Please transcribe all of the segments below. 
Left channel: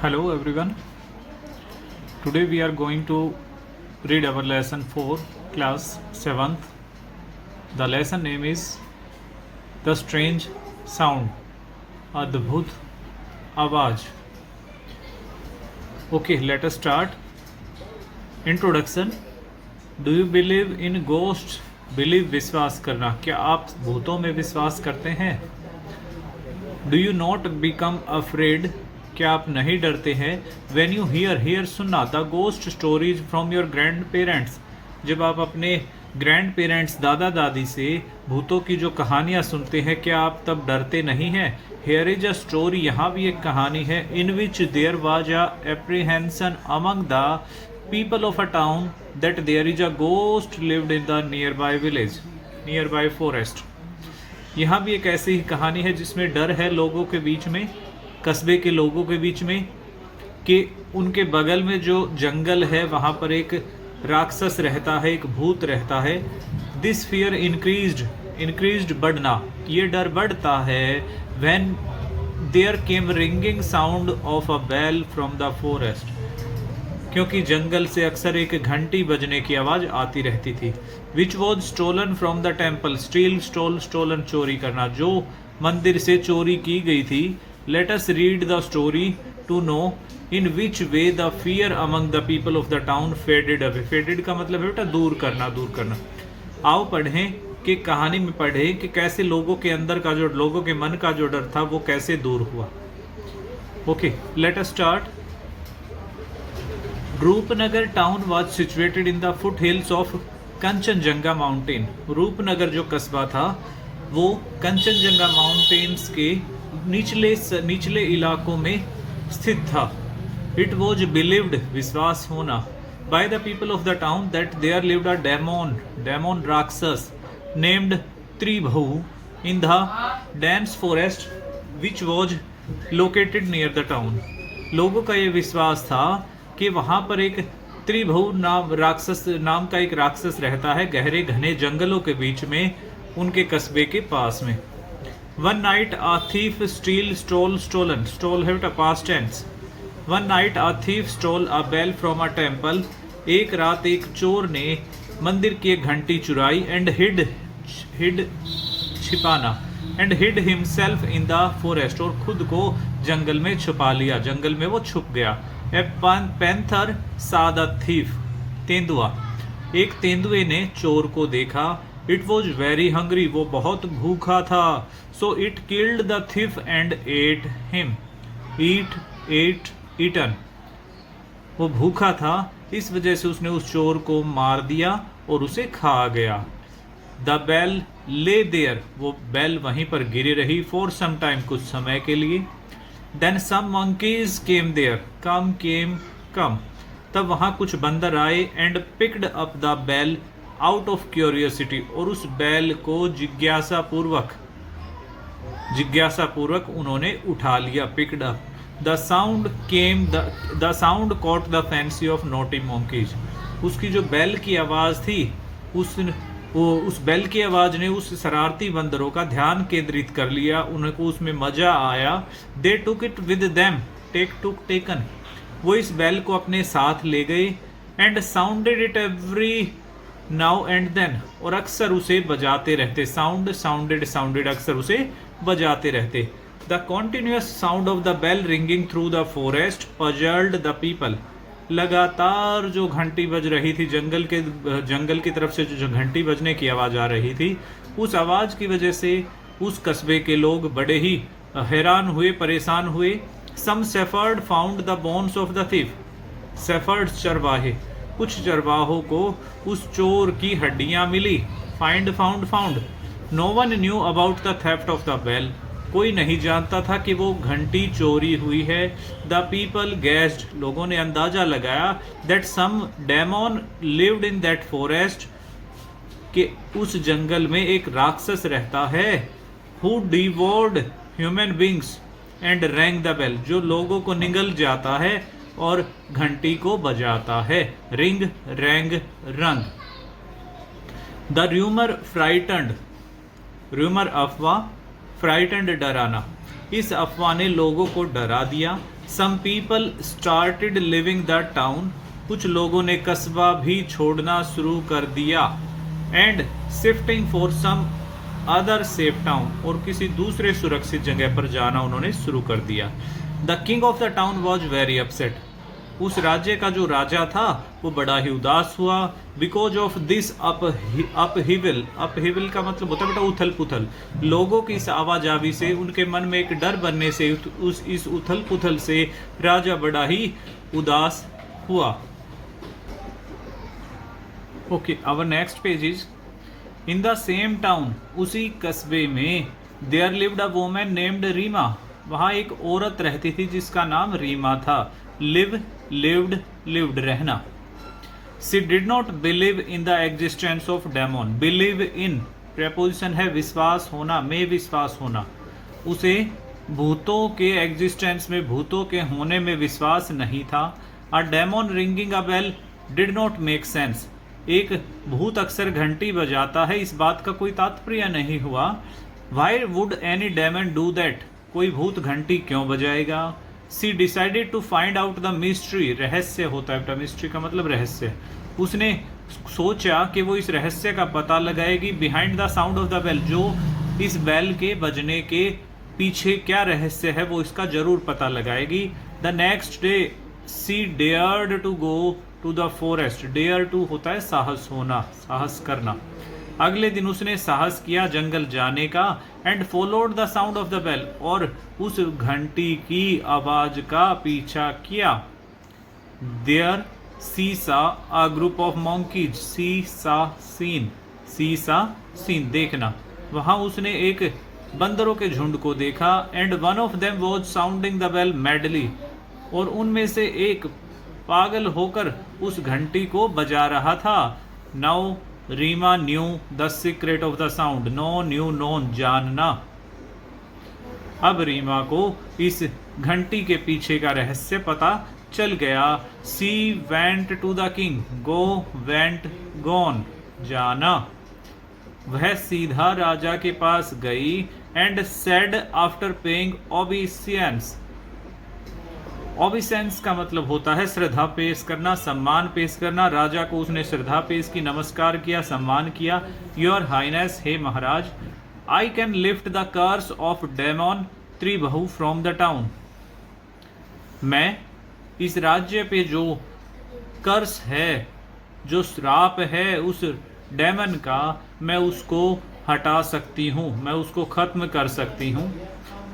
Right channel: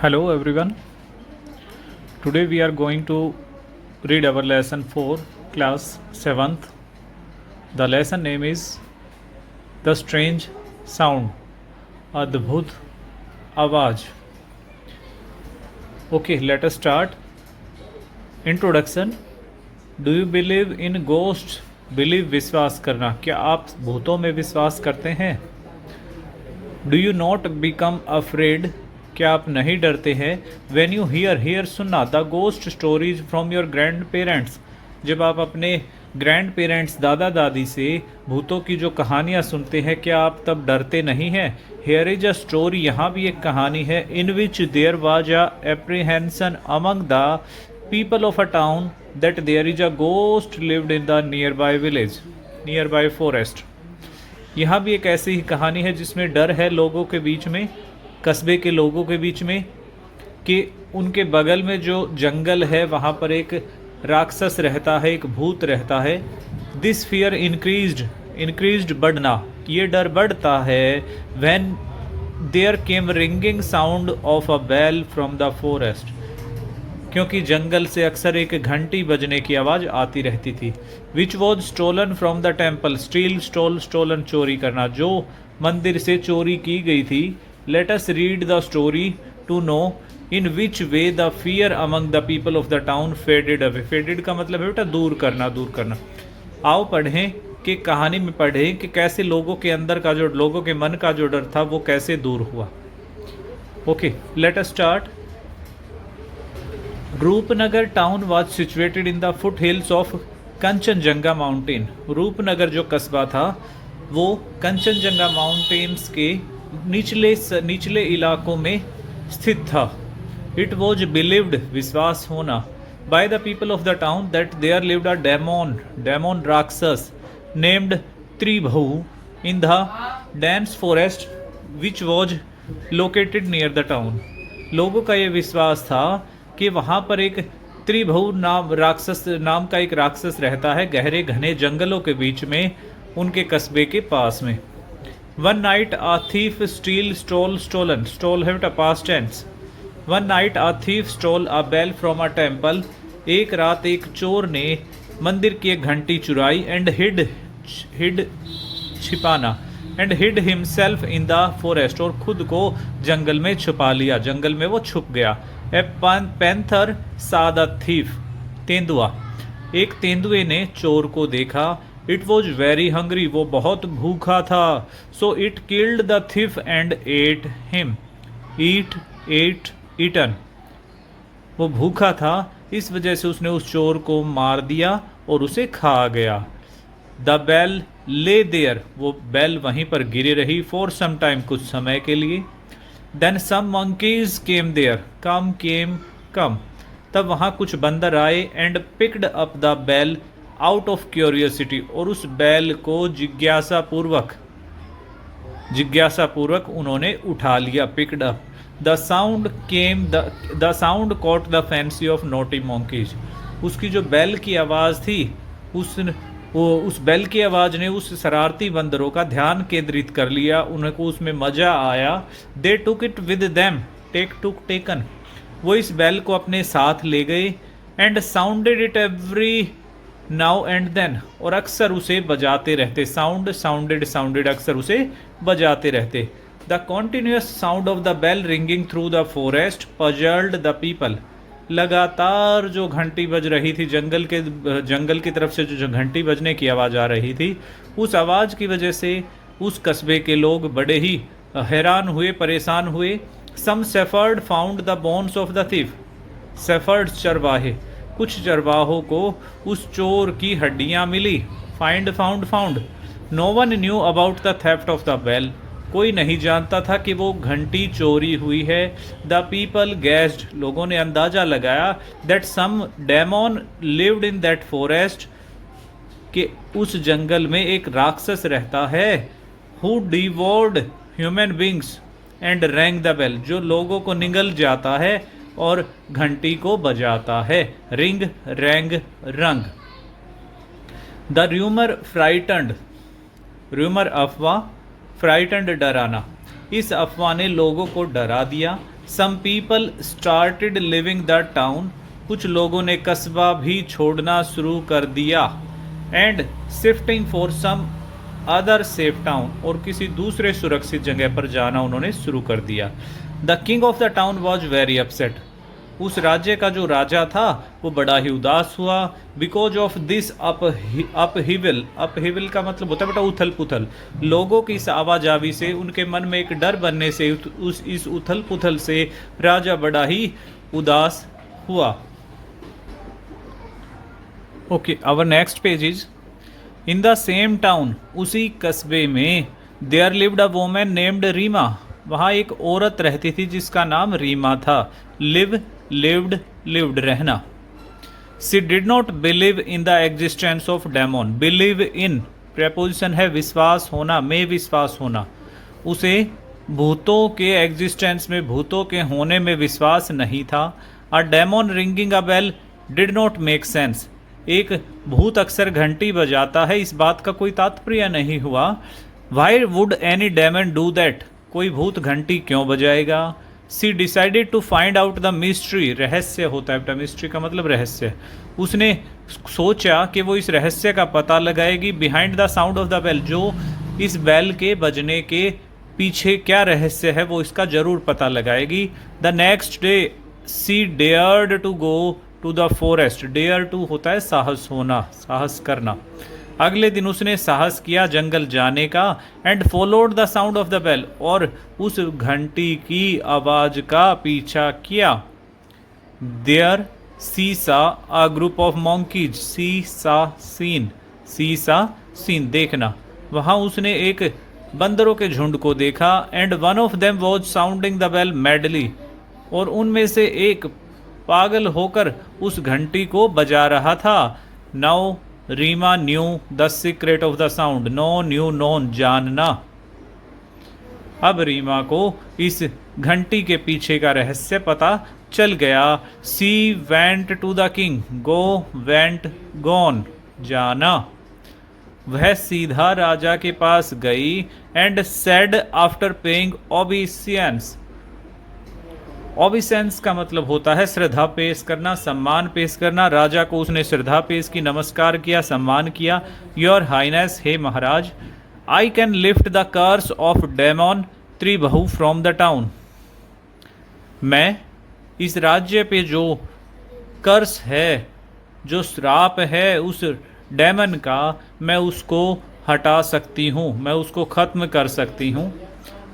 Hello everyone. Today we are going to read our lesson 4, class 7th. The lesson name is The Strange Sound, Adbhut Awaaz. Okay, let us start. Introduction. Do you believe in ghosts? Believe विश्वास करना. क्या आप भूतों में विश्वास करते हैं? Do you not become afraid? क्या आप नहीं डरते हैं? When you hear सुनना the ghost stories from your grand parents, जब आप अपने ग्रैंड पेरेंट्स दादा दादी से भूतों की जो कहानियाँ सुनते हैं, क्या आप तब डरते नहीं हैं? हेयर इज अ स्टोरी, यहाँ भी एक कहानी है. In which there was a apprehension among the people of a town that there is a ghost lived in the nearby village, nearby forest. यहाँ भी एक ऐसी ही कहानी है जिसमें डर है लोगों के बीच में, कस्बे के लोगों के बीच में, कि उनके बगल में जो जंगल है वहाँ पर एक राक्षस रहता है, एक भूत रहता है. दिस फियर इंक्रीज्ड बढ़ना, ये डर बढ़ता है. When there came ringing sound of a bell from the forest, क्योंकि जंगल से अक्सर एक घंटी बजने की आवाज़ आती रहती थी. Which was stolen from the temple, steal stolen चोरी करना, जो मंदिर से चोरी की गई थी. Let us read the story to know in which way the fear among the people of the town faded away. Faded का मतलब है बेटा दूर करना. आओ पढ़ें कि कहानी में पढ़ें कि कैसे लोगों के अंदर का जो, लोगों के मन का जो डर था वो कैसे दूर हुआ. Okay, let us start. Rupnagar town was situated in the foothills of Kanchenjunga mountain. Rupnagar जो कस्बा था वो कंचनजंगा माउंटेन्स के निचले इलाकों में स्थित था. इट वॉज बिलीव्ड, विश्वास होना, by the people of the town that there lived a demon राक्षस named Tribhu in the dense forest which was located near the town. लोगों का ये विश्वास था कि वहाँ पर एक त्रिभु नाम का एक राक्षस रहता है, गहरे घने जंगलों के बीच में, उनके कस्बे के पास में. One night a thief stole है past tense. One night a thief stole a bell from a temple, एक रात एक चोर ने मंदिर की एक घंटी चुराई. And hid himself in the forest, और खुद को जंगल में छुपा लिया, जंगल में वो छुप गया. ए पैंथर सा द थीफ, तेंदुआ, एक तेंदुए ने चोर को देखा. इट वॉज वेरी हंग्री, वो बहुत भूखा था. So it killed the thief and ate him. Eaten, वो भूखा था, इस वजह से उसने उस चोर को मार दिया और उसे खा गया. द बेल ले देयर, वो बेल वहीं पर गिरी रही. फॉर सम टाइम, कुछ समय के लिए. Then some monkeys came there, come, तब वहाँ कुछ बंदर आए. And picked up the bell out of curiosity, और उस बेल को जिज्ञासा पूर्वक उन्होंने उठा लिया, picked up. The sound caught the fancy of naughty monkeys, उसकी जो बेल की आवाज़ थी, उस बेल की आवाज़ ने उस शरारती बंदरों का ध्यान केंद्रित कर लिया, उनको उसमें मज़ा आया. They took it with them, taken, वो इस बेल को अपने साथ ले गए. And sounded it every now and then, और अक्सर उसे बजाते रहते. साउंडेड, अक्सर उसे बजाते रहते. The continuous sound of the bell ringing through the forest puzzled the people, लगातार जो घंटी बज रही थी, जंगल की तरफ से जो घंटी बजने की आवाज़ आ रही थी, उस आवाज़ की वजह से उस कस्बे के लोग बड़े ही हैरान हुए, परेशान हुए. Some shepherd found the bones of the thief, shepherd चरवाहे, कुछ चरवाहों को उस चोर की हड्डियाँ मिली. Found. No one knew about the theft of the bell, कोई नहीं जानता था कि वो घंटी चोरी हुई है. द पीपल गेस्ड, लोगों ने अंदाजा लगाया. That some demon lived in that forest, कि उस जंगल में एक राक्षस रहता है. Who devoured human beings and rang the bell, जो लोगों को निगल जाता है और घंटी को बजाता है. रिंग, रैंग, रंग. द र्यूमर फ्राइटंड, र्यूमर अफवाह, फ्राइटंड डराना. इस अफवाह ने लोगों को डरा दिया। Some people started living the town, कुछ लोगों ने कस्बा भी छोड़ना शुरू कर दिया। And shifting for some other safe town, और किसी दूसरे सुरक्षित जगह पर जाना उन्होंने शुरू कर दिया। The king of the town was very upset, उस राज्य का जो राजा था वो बड़ा ही उदास हुआ। बिकॉज ऑफ दिस अपहिवल, अपहिवल का मतलब होता है बेटा उथल पुथल, लोगों की इस आवाजावी से उनके मन में एक डर बनने से इस उथल पुथल से राजा बड़ा ही उदास हुआ। Okay, our next page is in the same town, उसी कस्बे में there lived a woman named Reema, वहाँ एक औरत रहती थी जिसका नाम रीमा था। लिव, लिव्ड, लिव्ड रहना। She did not believe in the existence of demon, believe in preposition है विश्वास होना, में विश्वास होना। उसे भूतों के एग्जिस्टेंस में, भूतों के होने में विश्वास नहीं था। A demon ringing a bell did not make sense, एक भूत अक्सर घंटी बजाता है, इस बात का कोई तात्पर्य नहीं हुआ। Why would any demon do that, कोई भूत घंटी क्यों बजाएगा। She decided to find out the mystery, रहस्य होता है बेटा, मिस्ट्री का मतलब रहस्य। उसने सोचा कि वो इस रहस्य का पता लगाएगी। Behind the sound of the bell, जो इस बेल के बजने के पीछे क्या रहस्य है वो इसका जरूर पता लगाएगी। The next day she dared to go to the forest, dare to होता है साहस होना, साहस करना। अगले दिन उसने साहस किया जंगल जाने का। And followed the sound of the bell, और उस घंटी की आवाज का पीछा किया। देयर सी सा अ ग्रुप ऑफ मंकीज, सी सा सीन, सी सा सीन देखना, वहां उसने एक बंदरों के झुंड को देखा। And one of them was sounding the bell madly, और उनमें से एक पागल होकर उस घंटी को बजा रहा था। Now Reema knew the secret of the sound, know knew known, जानना। अब रीमा को इस घंटी के पीछे का रहस्य पता चल गया। She went to the king, go went gone, जाना। वह सीधा राजा के पास गई। And said after paying obeisance, obeisance का मतलब होता है श्रद्धा पेश करना, सम्मान पेश करना। राजा को उसने श्रद्धा पेश की, नमस्कार किया, सम्मान किया। योर हाइनेस, हे महाराज, I can lift the curse of demon Tribhu from the town, मैं इस राज्य पे जो कर्स है, जो श्राप है उस डेमन का, मैं उसको हटा सकती हूँ, मैं उसको खत्म कर सकती हूँ।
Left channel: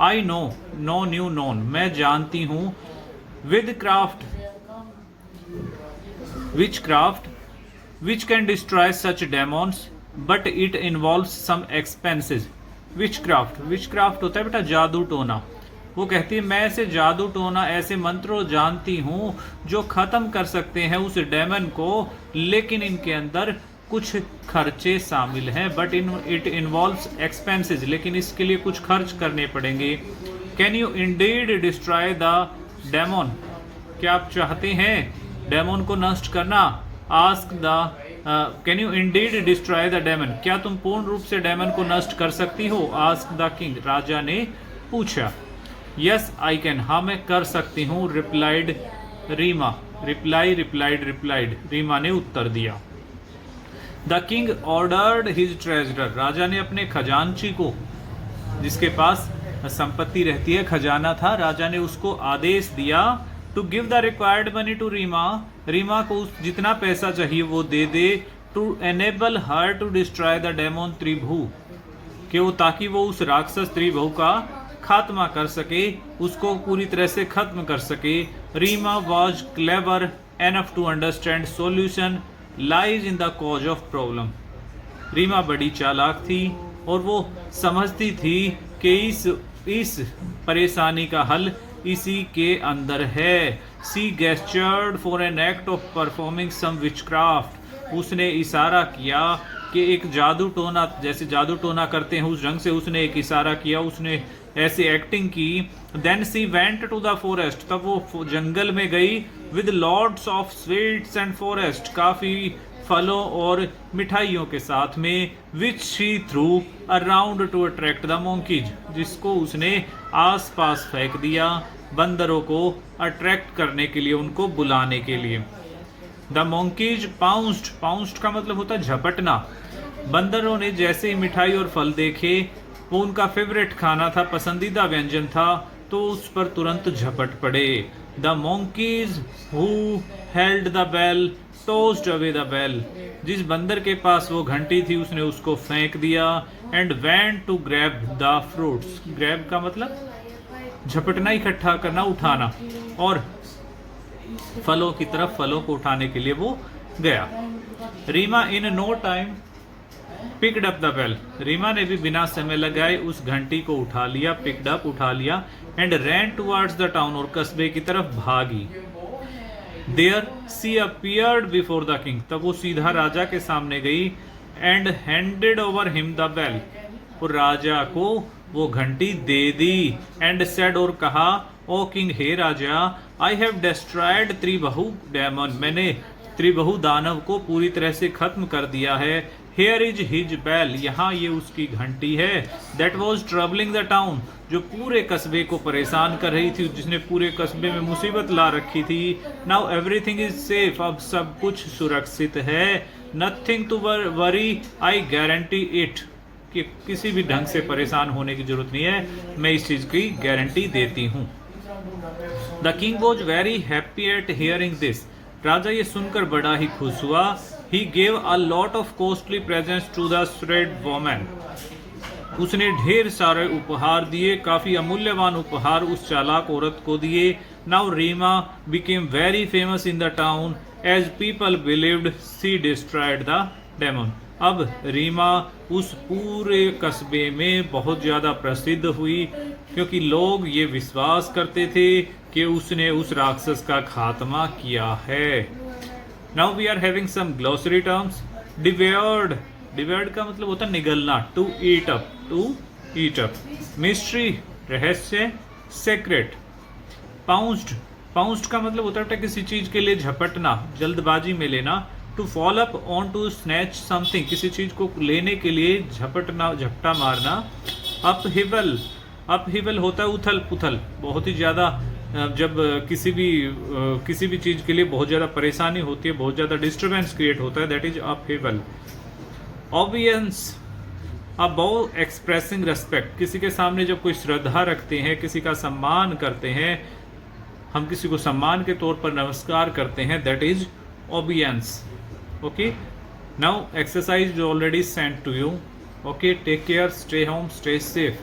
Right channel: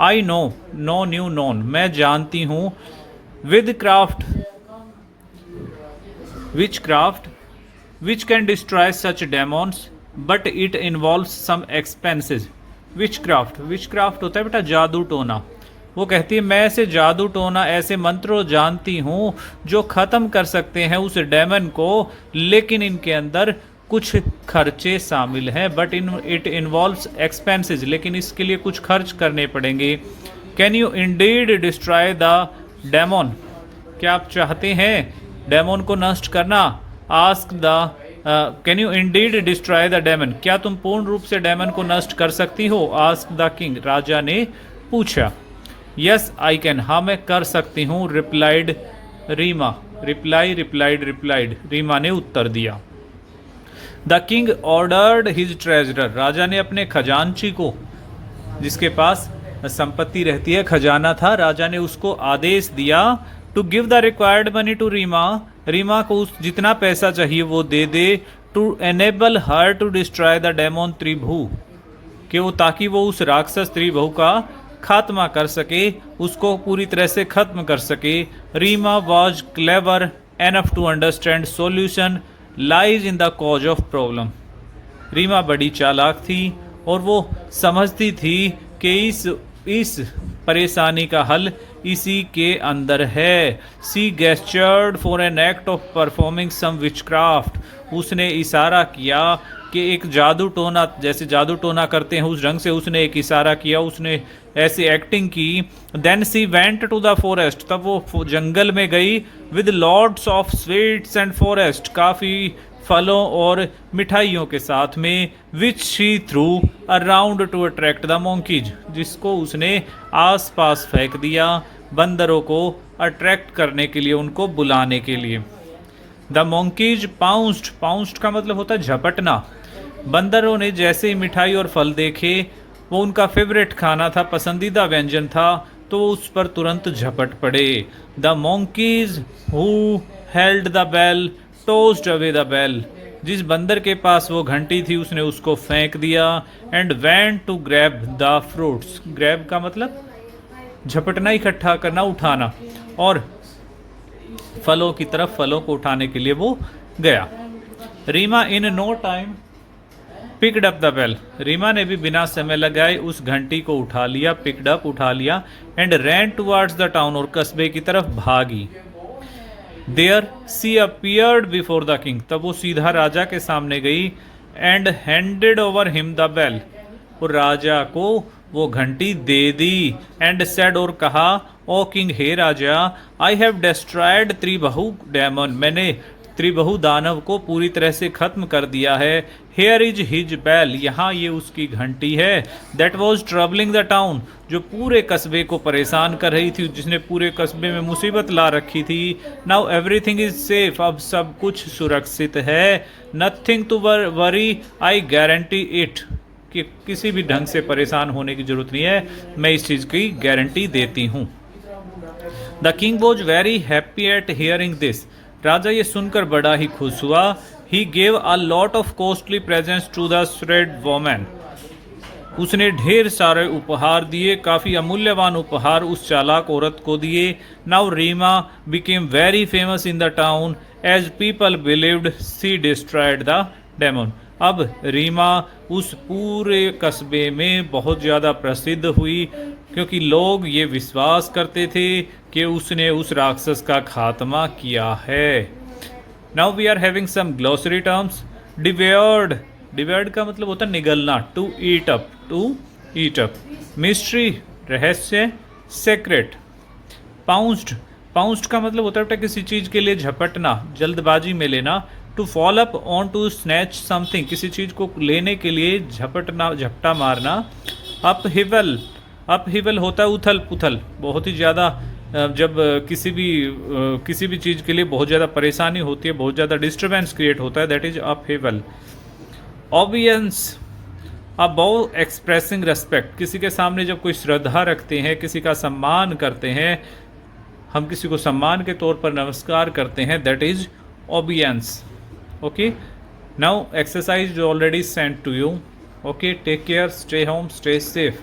I know, know knew known, मैं जानती हूँ। Witchcraft, witchcraft which can destroy such demons but it involves some expenses. Witchcraft होता है बेटा जादू टोना। वो कहती है मैं ऐसे जादू टोना, ऐसे मंत्रों जानती हूँ जो खत्म कर सकते हैं उस डेमन को, लेकिन इनके अंदर कुछ खर्चे शामिल हैं। बट इट इन्वॉल्व्स एक्सपेंसेस, लेकिन इसके लिए कुछ खर्च करने पड़ेंगे। Can you Indeed destroy the demon, क्या आप चाहते हैं डेमोन को नष्ट करना। Ask the can you Indeed destroy the demon, क्या तुम पूर्ण रूप से डेमन को नष्ट कर सकती हो। आस्क द किंग, राजा ने पूछा। यस आई कैन, हाँ मैं कर सकती हूँ। रिप्लाइड रीमा, रिप्लाइड, रीमा ने उत्तर दिया। The king ordered his treasurer, राजा ने अपने खजांची को, जिसके पास संपत्ति रहती है, खजाना था, राजा ने उसको आदेश दिया to give the required money to Rima, Rima को उस जितना पैसा चाहिए वो दे दे। To enable her to destroy the demon Tribhu, कि वो ताकि वो उस राक्षस त्रिभु का खात्मा कर सके, उसको पूरी तरह से खत्म कर सके। Reema was clever enough to understand solution lies in the cause of problem, Reema बड़ी चालाक थी और वो समझती थी कि इस परेशानी का हल इसी के अंदर है। She gestured for an act of performing some witchcraft, उसने इशारा किया कि एक जादू टोना, जैसे जादू टोना करते हैं उस ढंग से उसने एक इशारा किया, उसने ऐसी एक्टिंग की। Then she went to the forest, तब वो जंगल में गई। With lots of sweets and forest, काफ़ी फलों और मिठाइयों के साथ में, which she threw around to attract the monkeys, जिसको उसने आस पास फेंक दिया बंदरों को अट्रैक्ट करने के लिए, उनको बुलाने के लिए। द मोंकीज पाउंस्ड, पाउंस्ड का मतलब होता है झपटना। बंदरों ने जैसे ही मिठाई और फल देखे, वो उनका फेवरेट खाना था, पसंदीदा व्यंजन था, तो वो उस पर तुरंत झपट पड़े। The monkeys who held the bell tossed away the bell, जिस बंदर के पास वो घंटी थी उसने उसको फेंक दिया। And went to grab the fruits, grab का मतलब झपटना, इकट्ठा करना, उठाना, और फलों की तरफ फलों को उठाने के लिए वो गया। Reema in no time picked up the bell, Reema ने भी बिना समय लगाए उस घंटी को उठा लिया, पिकड अप उठा लिया, and ran towards the town, और कस्बे की तरफ भागी। There she appeared before the king, तब वो सीधा राजा के सामने गई। And handed over him the bell, और राजा को वो घंटी दे दी। एंड सेड, और कहा, ओ किंग, हे राजा, I have destroyed Tribahu demon, मैंने त्रिबाहु दानव को पूरी तरह से खत्म कर दिया है। हेयर इज हिज बेल, यहाँ ये उसकी घंटी है। That was troubling the town, जो पूरे कस्बे को परेशान कर रही थी, जिसने पूरे कस्बे में मुसीबत ला रखी थी। नाउ एवरीथिंग इज सेफ, अब सब कुछ सुरक्षित है। Nothing to worry, I guarantee it, कि किसी भी ढंग से परेशान होने की जरूरत नहीं है, मैं इस चीज की गारंटी देती हूँ। The king was very happy at hearing this, राजा ये सुनकर बड़ा ही खुश हुआ। He gave a lot of costly presents to the shrewd woman, उसने ढेर सारे उपहार दिए, काफी अमूल्यवान उपहार उस चालाक औरत को दिए। Now Reema became very famous in the town as people believed she destroyed the demon, अब रीमा उस पूरे कस्बे में बहुत ज़्यादा प्रसिद्ध हुई, क्योंकि लोग ये विश्वास करते थे कि उसने उस राक्षस का खात्मा किया है। Now we are having some glossary terms. Devoured, devoured का मतलब होता है निगलना, to eat up, to eat up. Mystery, रहस्य, सेक्रेट। पाउंस्ड, पाउंस्ड का मतलब होता है किसी चीज़ के लिए झपटना, जल्दबाजी में लेना। To fall upon to snatch something, किसी चीज़ को लेने के लिए झपटना, झपटा मारना। अपहिवल, अपहिवल होता है उथल पुथल, बहुत ही ज़्यादा जब किसी भी चीज़ के लिए बहुत ज़्यादा परेशानी होती है, बहुत ज़्यादा डिस्टर्बेंस क्रिएट होता है, that is upheaval. Obeisance, a bow expressing respect, किसी के सामने जब कोई श्रद्धा रखते हैं, किसी का सम्मान करते हैं, हम किसी को सम्मान के तौर पर नमस्कार करते हैं, that is obeisance. Okay, now exercise is already sent to you. Okay, take care, stay home, stay safe.